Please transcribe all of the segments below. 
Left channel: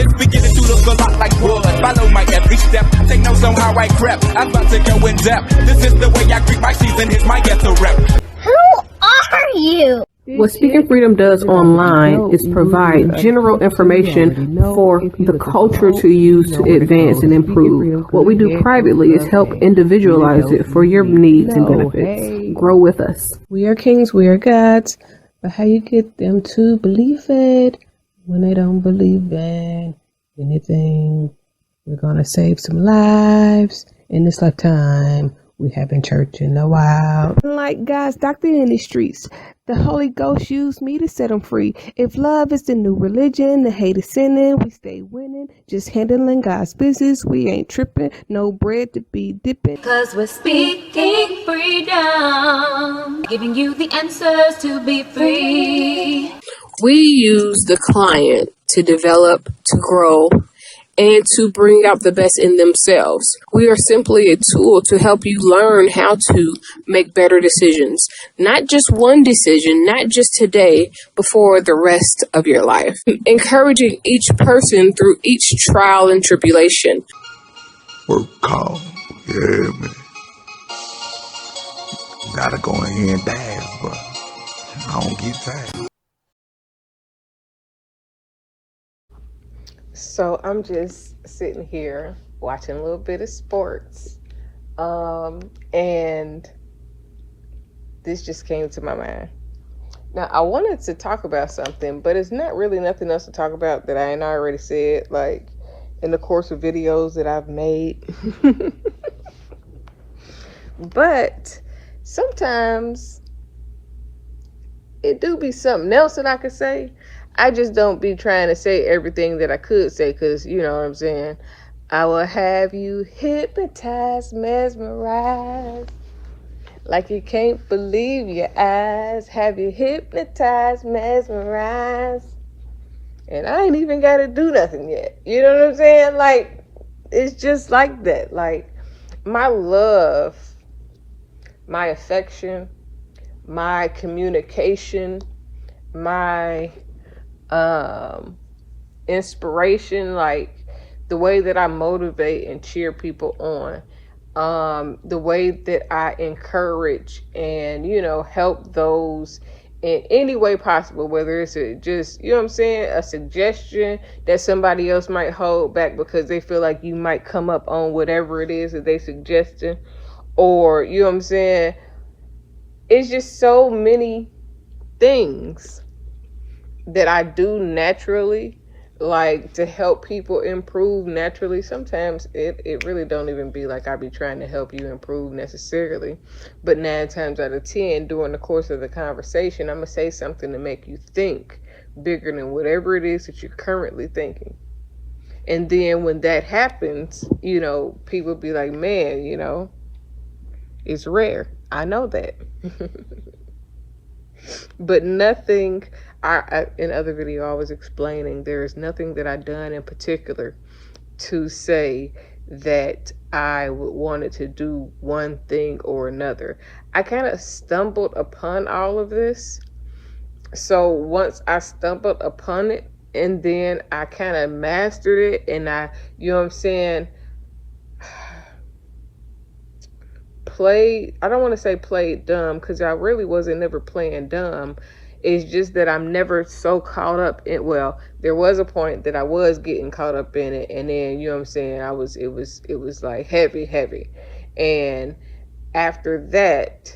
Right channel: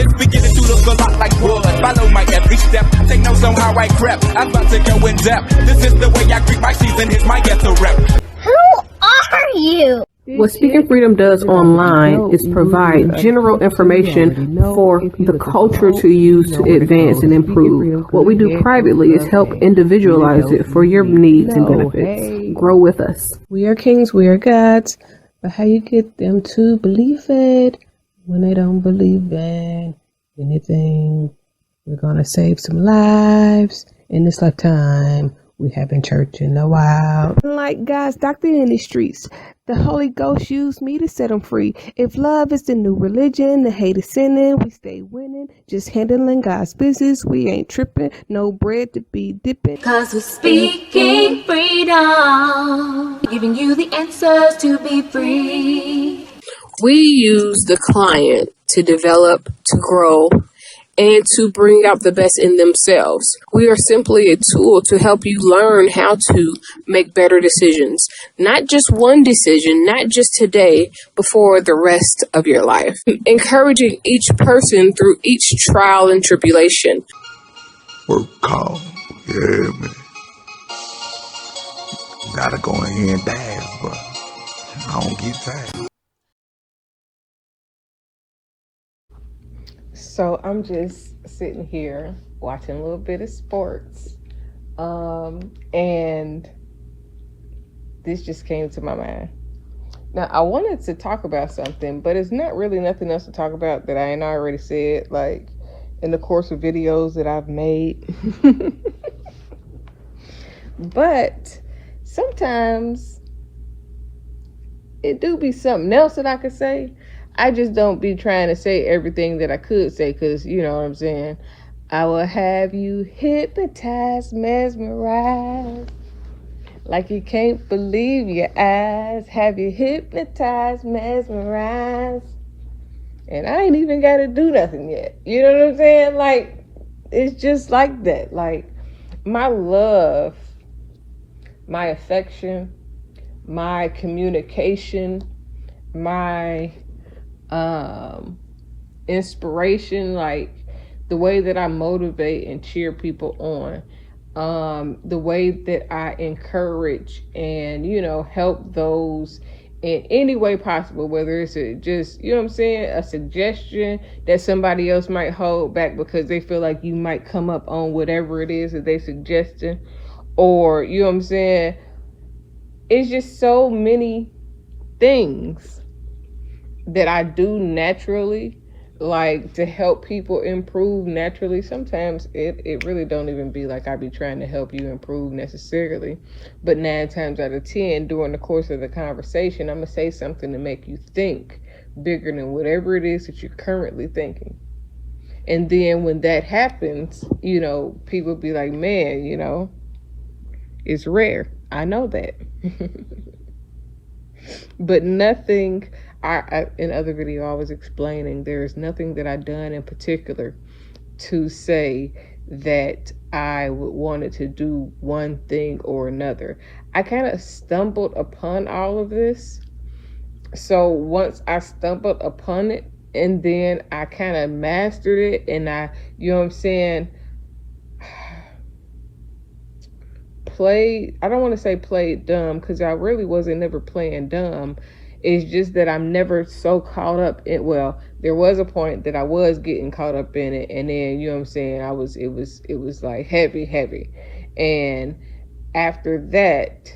It's beginning to look a lot like wood. Follow my every step. Take notes on how I crept. I'm about to go in depth. This is the way I greet my season. Here's my ghetto rep. Who are you? What Speaking Freedom does online is provide general information for the culture to use to advance and improve. What we do privately is help individualize it for your needs and benefits. Grow with us. We are kings, we are gods, but how you get them to believe it when they don't believe in anything? We're gonna save some lives in this lifetime. We haven't church in a while. Like God's doctor in the streets, the Holy Ghost used me to set them free. If love is the new religion, the hate is sinning, we stay winning. Just handling God's business, we ain't tripping. No bread to be dipping. 'Cause we're speaking freedom, giving you the answers to be free. We use the client to develop, to grow, and to bring out the best in themselves. We are simply a tool to help you learn how to make better decisions. Not just one decision, not just today, but for the rest of your life. Encouraging each person through each trial and tribulation. Work call. Yeah, man. Gotta go in here and dance, but I don't get tired. So I'm just sitting here watching a little bit of sports, and this just came to my mind. Now, I wanted to talk about something, but it's not really nothing else to talk about that I ain't already said, like, in the course of videos that I've made. But sometimes it do be something else that I could say. I just don't be trying to say everything that I could say, because, you know what I'm saying? I will have you hypnotized, mesmerized, like you can't believe your eyes. Have you hypnotized, mesmerized. And I ain't even got to do nothing yet. You know what I'm saying? Like, it's just like that. Like, my love, my affection, my communication, my inspiration, like the way that I motivate and cheer people on, the way that I encourage and, you know, help those in any way possible, whether it's just, you know what I'm saying, a suggestion that somebody else might hold back because they feel like you might come up on whatever it is that they suggesting, or, you know what I'm saying, it's just so many things that I do naturally, like to help people improve naturally. Sometimes it really don't even be like I be trying to help you improve necessarily, but 9 times out of 10 during the course of the conversation, I'm gonna say something to make you think bigger than whatever it is that you're currently thinking. And then when that happens, you know, people be like, man, you know, it's rare. I know that. But nothing, I in other video I was explaining, there is nothing that I done in particular to say that I wanted to do one thing or another. I kind of stumbled upon all of this. So once I stumbled upon it, and then I kind of mastered it, and I, you know what I'm saying, I don't want to say played dumb, because I really wasn't never playing dumb. It's just that I'm never so caught up in, well, there was a point that I was getting caught up in it, and then, you know what I'm saying, it was like heavy. And after that,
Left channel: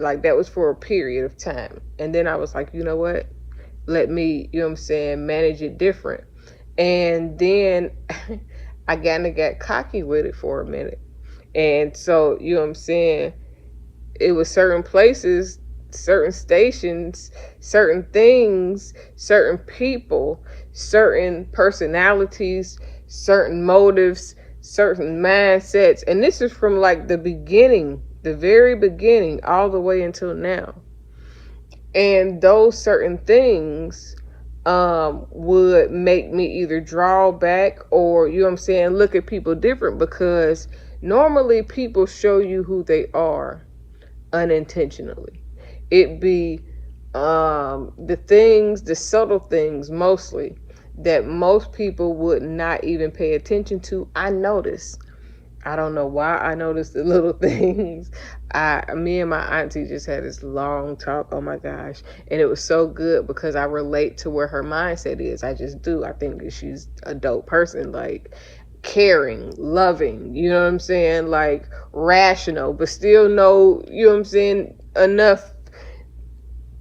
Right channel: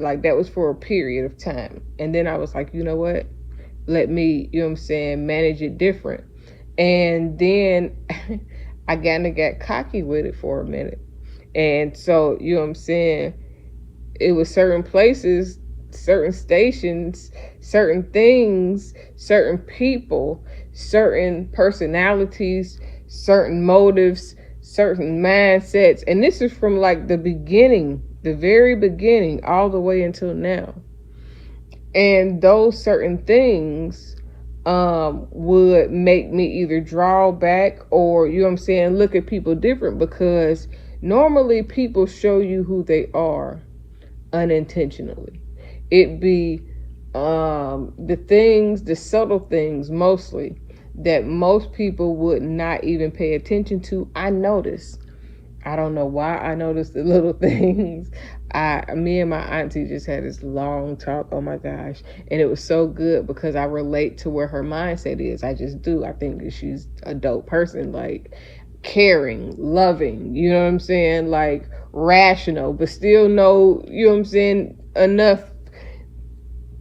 like, that was for a period of time. And then I was like, you know what? Let me, you know what I'm saying, manage it different. And then I kind of got cocky with it for a minute. And so, you know what I'm saying, it was certain places, certain stations, certain things, certain people, certain personalities, certain motives, certain mindsets. And this is from like the beginning, the very beginning, all the way until now. And those certain things would make me either draw back or, you know what I'm saying, look at people different, because normally people show you who they are unintentionally. It be the things, the subtle things mostly, that most people would not even pay attention to, I notice. I don't know why I notice the little things. Me and my auntie just had this long talk. Oh my gosh. And it was so good because I relate to where her mindset is. I just do. I think that she's a dope person, like caring, loving, you know what I'm saying? Like rational, but still know, you know what I'm saying, enough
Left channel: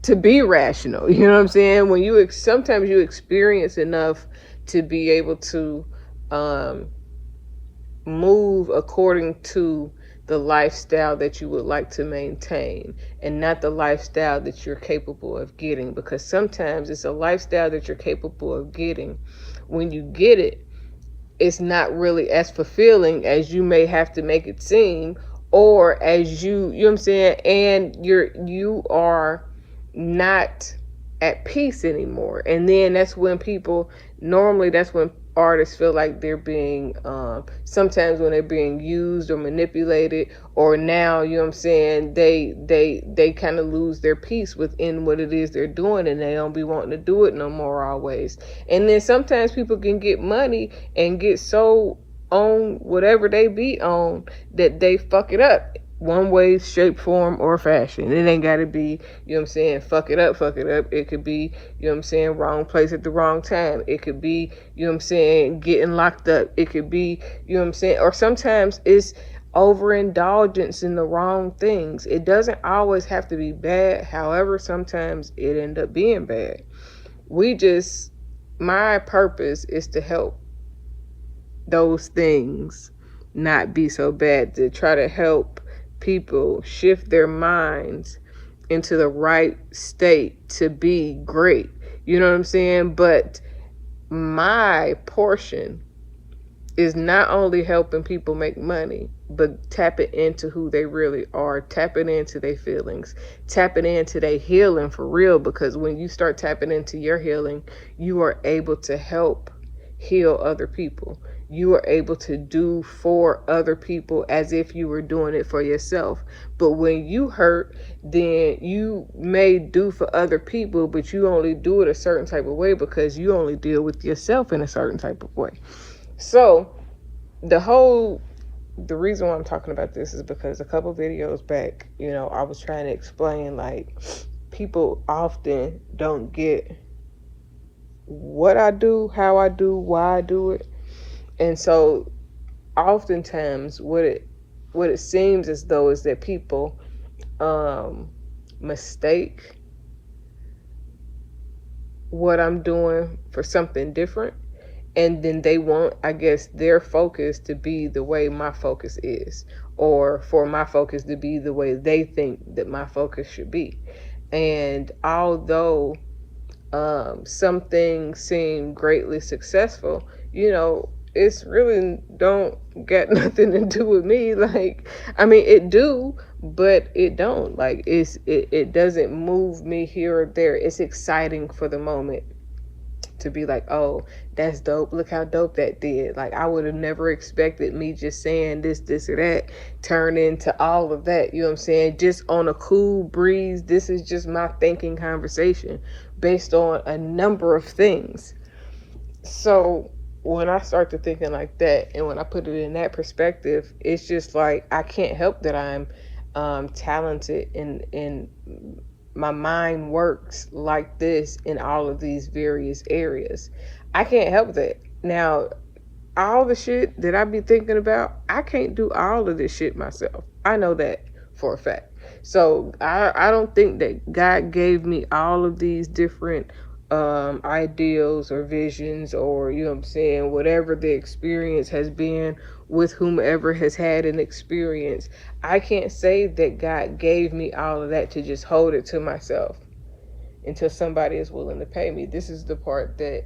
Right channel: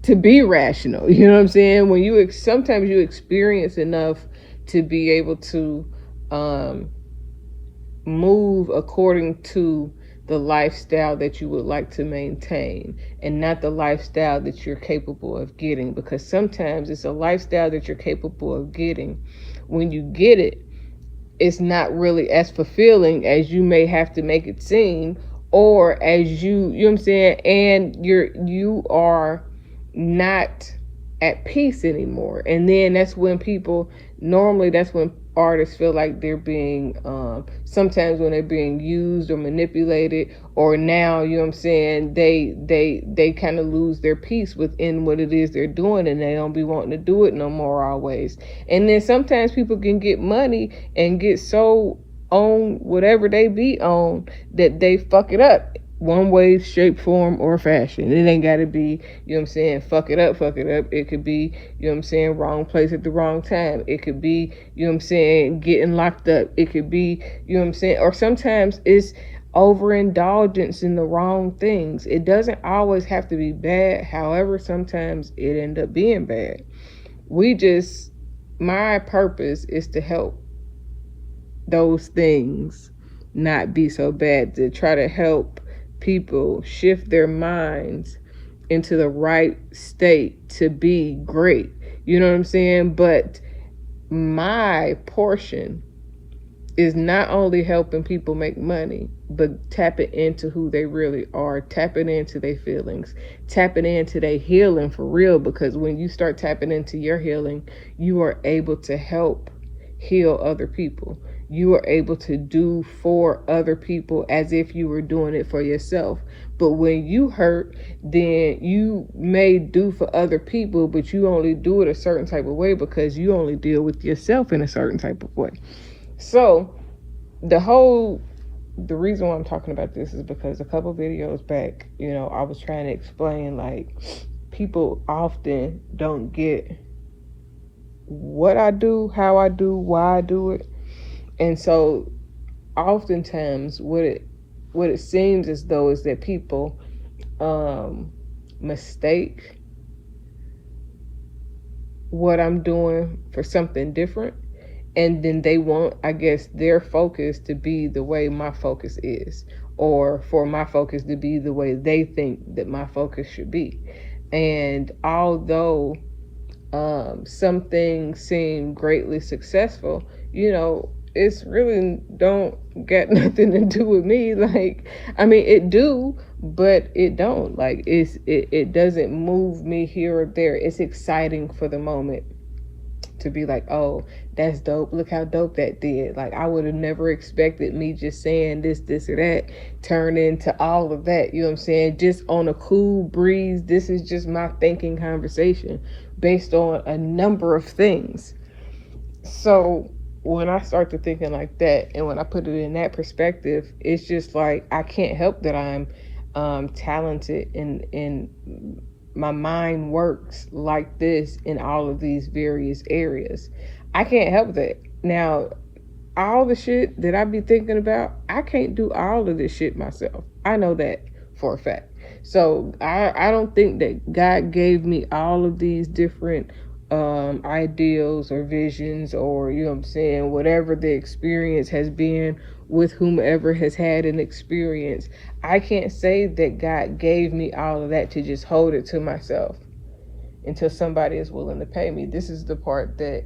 to be rational. You know what I'm saying? When you sometimes you experience enough to be able to move according to the lifestyle that you would like to maintain and not the lifestyle that you're capable of getting, because sometimes it's a lifestyle that you're capable of getting. When you get it, it's not really as fulfilling as you may have to make it seem, or as you know what I'm saying, and you are not at peace anymore. And then that's when artists feel like they're being sometimes when they're being used or manipulated, or now, you know what I'm saying, they kind of lose their peace within what it is they're doing, and they don't be wanting to do it no more always. And then sometimes people can get money and get so on whatever they be on that they fuck it up one way, shape, form, or fashion. It ain't gotta be, you know what I'm saying, fuck it up. It could be, you know what I'm saying, wrong place at the wrong time. It could be, you know what I'm saying, getting locked up. It could be, you know what I'm saying, or sometimes it's overindulgence in the wrong things. It doesn't always have to be bad. However, sometimes it end up being bad. My purpose is to help those things not be so bad, to try to help people shift their minds into the right state to be great. You know what I'm saying? But my portion is not only helping people make money, but tapping into who they really are, tapping into their feelings, tapping into their healing for real. Because when you start tapping into your healing, you are able to help heal other people. You are able to do for other people as if you were doing it for yourself. But when you hurt, then you may do for other people, but you only do it a certain type of way because you only deal with yourself in a certain type of way. So the reason why I'm talking about this is because a couple videos back, you know, I was trying to explain, like, people often don't get what I do, how I do, why I do it. And so oftentimes what it seems as though is that people mistake what I'm doing for something different, and then they want, I guess, their focus to be the way my focus is, or for my focus to be the way they think that my focus should be. And although some things seem greatly successful, you know, it's really don't got nothing to do with me. Like, I mean, it do, but it don't. Like, it doesn't move me here or there. It's exciting for the moment to be like, oh, that's dope. Look how dope that did. Like, I would have never expected me just saying this or that turn into all of that. You know what I'm saying? Just on a cool breeze. This is just my thinking conversation based on a number of things. So when I start to thinking like that, and when I put it in that perspective, it's just like, I can't help that I'm talented and my mind works like this in all of these various areas. I can't help that. Now, all the shit that I be thinking about, I can't do all of this shit myself. I know that for a fact. So I don't think that God gave me all of these different ideals or visions, or, you know what I'm saying, whatever the experience has been with whomever has had an experience. I can't say that God gave me all of that to just hold it to myself until somebody is willing to pay me. This is the part that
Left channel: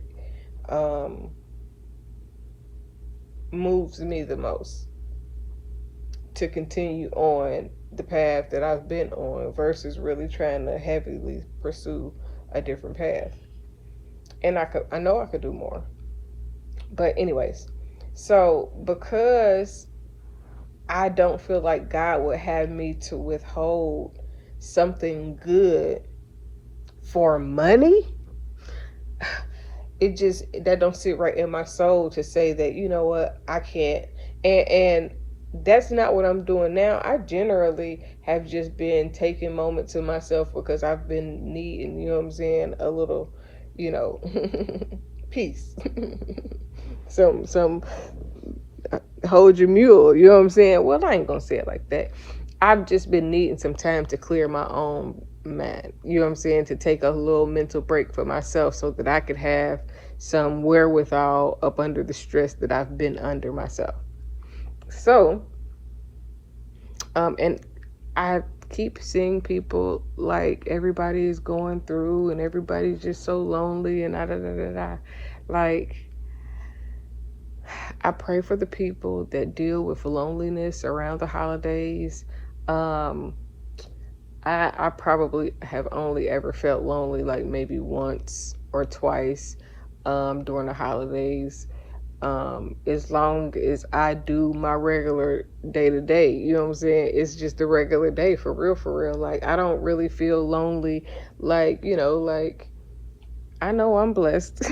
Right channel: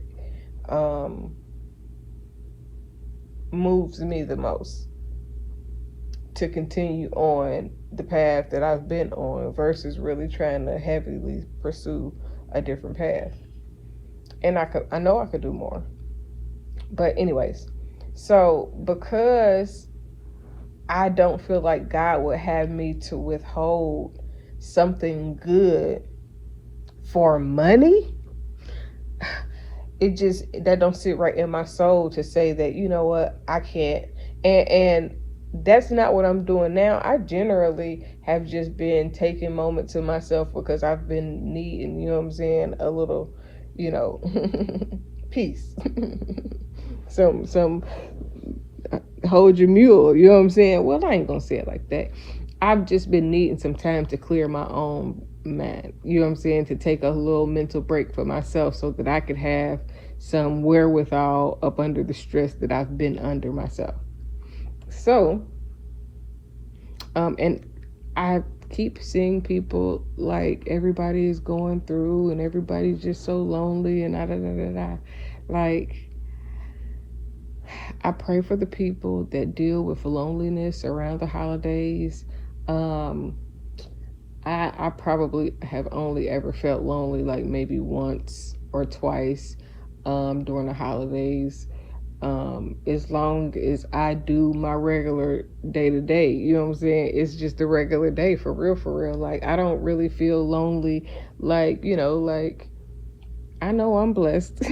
moves me the most, to continue on the path that I've been on versus really trying to heavily pursue a different path. And I know I could do more. But anyways, so because I don't feel like God would have me to withhold something good for money, that don't sit right in my soul to say that, you know what, I can't. And that's not what I'm doing now. I generally have just been taking moments to myself because I've been needing, you know what I'm saying, a little, peace. some hold your mule, you know what I'm saying? Well, I ain't gonna say it like that. I've just been needing some time to clear my own mind, you know what I'm saying, to take a little mental break for myself so that I could have some wherewithal up under the stress that I've been under myself. So, and I keep seeing people like everybody is going through and everybody's just so lonely and like, I pray for the people that deal with loneliness around the holidays. I probably have only ever felt lonely like maybe once or twice during the holidays. As long as I do my regular day to day, you know what I'm saying? It's just a regular day for real. Like, I don't really feel lonely. Like, like, I know I'm blessed.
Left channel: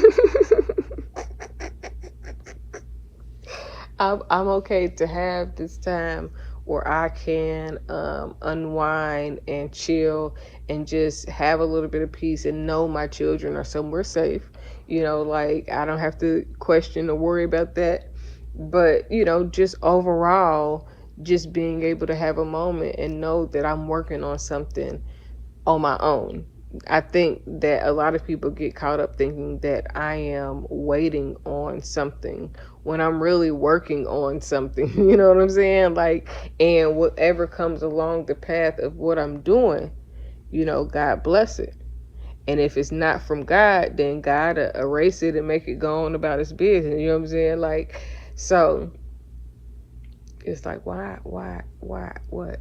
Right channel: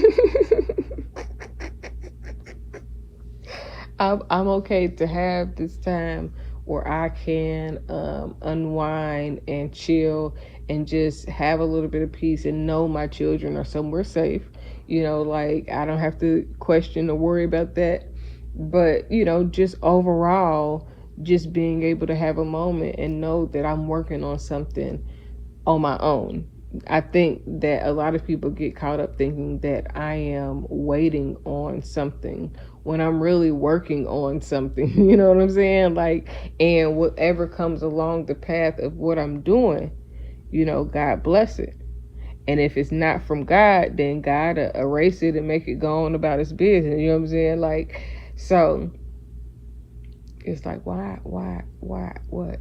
I'm okay to have this time where I can unwind and chill and just have a little bit of peace and know my children are somewhere safe. Like, I don't have to question or worry about that. But, just overall, just being able to have a moment and know that I'm working on something on my own. I think that a lot of people get caught up thinking that I am waiting on something when I'm really working on something, you know what I'm saying? Like, and whatever comes along the path of what I'm doing, God bless it. And if it's not from God, then God erase it and make it go on about his business. You know what I'm saying? Like, so it's like, why, what?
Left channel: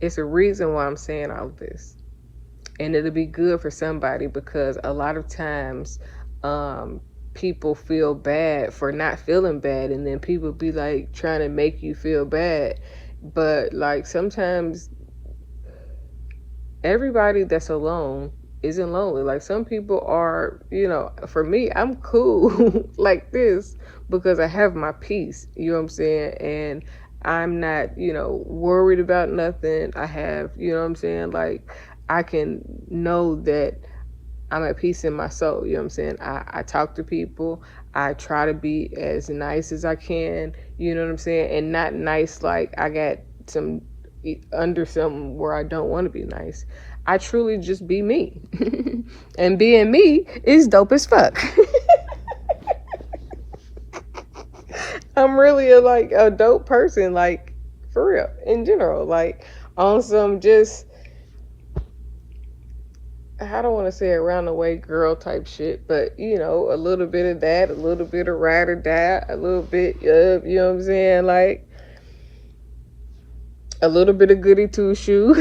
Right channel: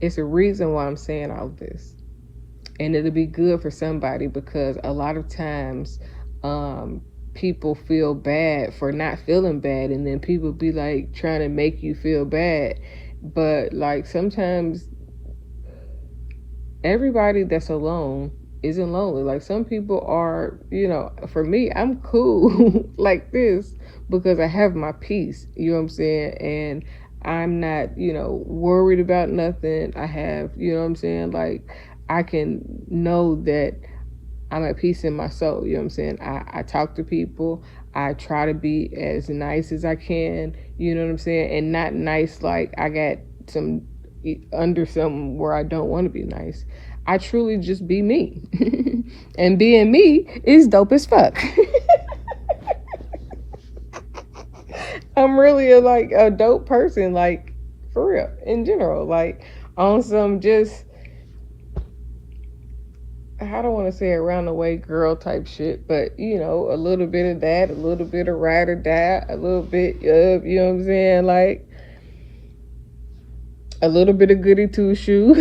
It's a reason why I'm saying all of this. And it'll be good for somebody because a lot of times people feel bad for not feeling bad. And then people be like trying to make you feel bad. But like sometimes everybody that's alone isn't lonely. Like some people are, for me, I'm cool like this because I have my peace, you know what I'm saying? And I'm not, worried about nothing. I have, you know what I'm saying? Like I can know that I'm at peace in my soul, you know what I'm saying? I talk to people. I try to be as nice as I can, you know what I'm saying? And not nice like I got some under something where I don't want to be nice. I truly just be me. And being me is dope as fuck. I'm really a dope person, like for real, in general, like on some just, I don't want to say around the way girl type shit, but a little bit of that, a little bit of ride or die, a little bit of, you know what I'm saying, like a little bit of goody two shoe,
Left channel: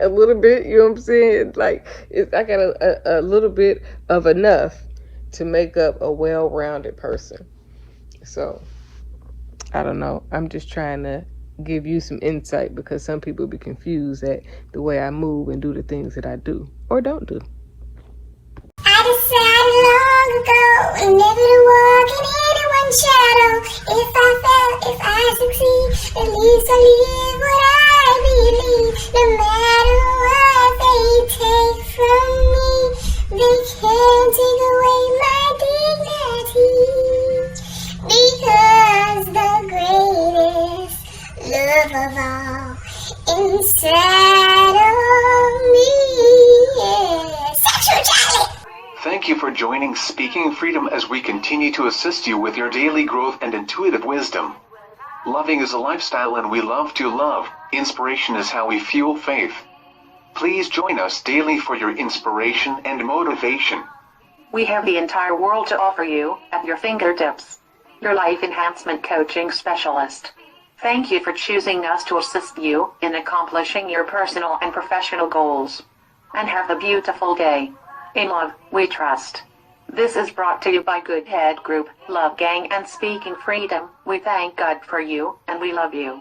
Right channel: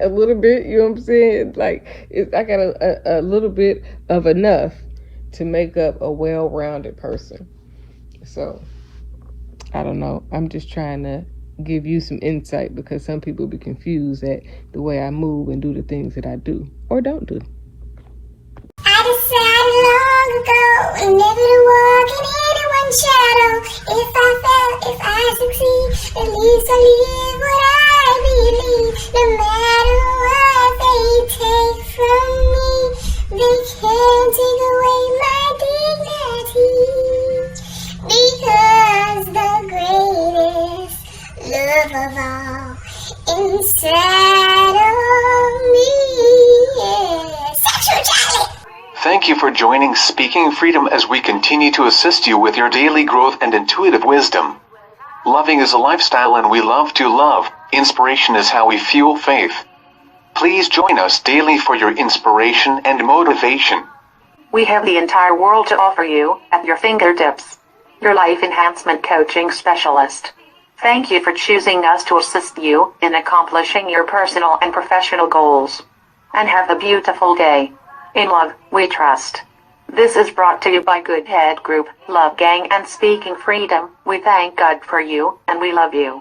a little bit, you know what I'm saying? Like, I got a little bit of enough to make up a well-rounded person. So, I don't know. I'm just trying to give you some insight because some people be confused at the way I move and do the things that I do or don't do. I decided long ago never to walk in anyone's shadow. If I fail, if I succeed, at least I live what I believe. No matter what they take from me, they can't take away my dignity. Because the greatest love of all inside of me is sexuality. Thank you for joining Speaking Freedom as we continue to assist you with your daily growth and intuitive wisdom. Loving is a lifestyle and we love to love. Inspiration is how we fuel faith. Please join us daily for your inspiration and motivation. We have the entire world to offer you at your fingertips. Your life enhancement coaching specialist. Thank you for choosing us to assist you in accomplishing your personal and professional goals. And have a beautiful day. In love, we trust. This is brought to you by Good Head Group, Love Gang and Speaking Freedom. We thank God for you, and we love you.